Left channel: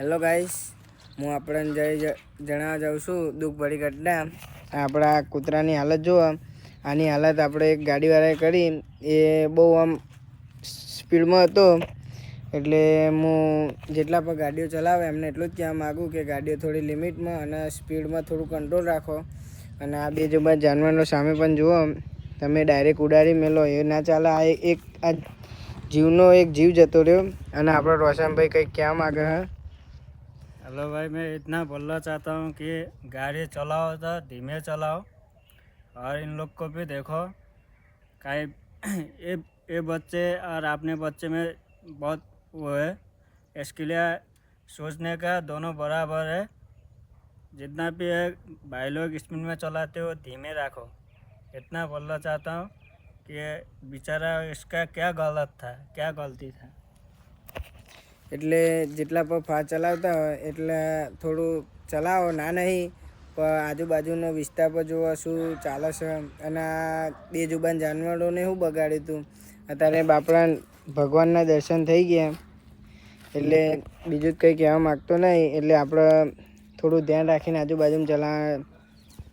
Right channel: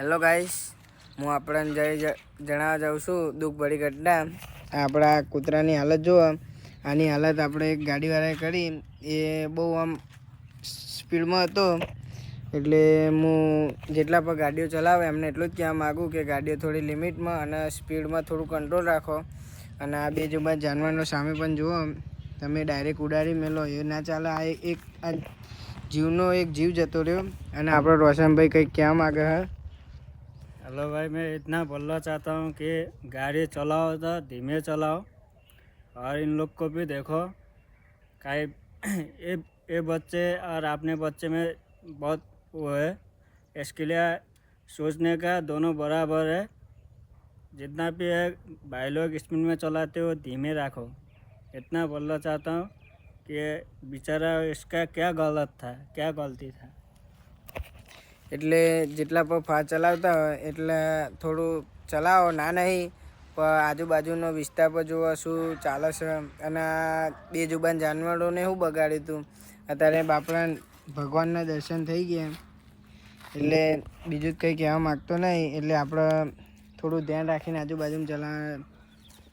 Hello guys, હું આપણને જણાવવા જાઉં છું દુઃખભરી ઘટના. આપણા કૂતરાની હાલત જુઓ. આની હાલત આપણે એક ગાડીવાળાએ કરી. એ બહુ આમ સ્પીડમાં હતો, એટલે હું જેટલા પણ ગાડીઓ ચલાવે એમને એટલું જ કહેવા માગું કે ગાડીઓ થોડી લિમિટમાં અને સ્પીડમાં થોડું કંટ્રોલ રાખો. અને આ તે જો બાદ જાનવરનો સામે પણ જુઓ, તમે ડાયરેક્ટ ઉડાડી મેલો એ ના ચાલે. આ જીવનો એક જીવ જતો રહ્યો. અને આપણો રોશનભાઈ કંઈક કહેવા માગે है। हेलो भाई, मैं इतना बोलना चाहता हूँ कि गाड़ी चलाओ तो धीमे चलाओ और इन लोग को भी देखो। कहीं ये बच्चे और अपने बच्चे में बहुत वो है, इसके लिए सोचने का दोनों बराबर है। जितना भी है भाई लोग स्पीड में चलाते हो धीमे रखो। इतना बोलना चाहता हूँ कि बेचारा इसका क्या गलत था, क्या गलती था। એટલે જેટલા પણ ફાસ્ટ ચલાવતા હોય એટલે થોડું ચલાવો, ના નહીં પણ આજુબાજુનો વિસ્તાર પર જુઓ શું ચાલે છે. અને આ બેજુબાન જાનવરોને શું બગાડ્યું હતું. અત્યારે બાપડા ભગવાનના દર્શન થઈ ગયા, એટલે બીજું જ કંઈ કહેવા માગતો નહીં. એટલે આપણે થોડું ધ્યાન રાખીને આજુબાજુમાં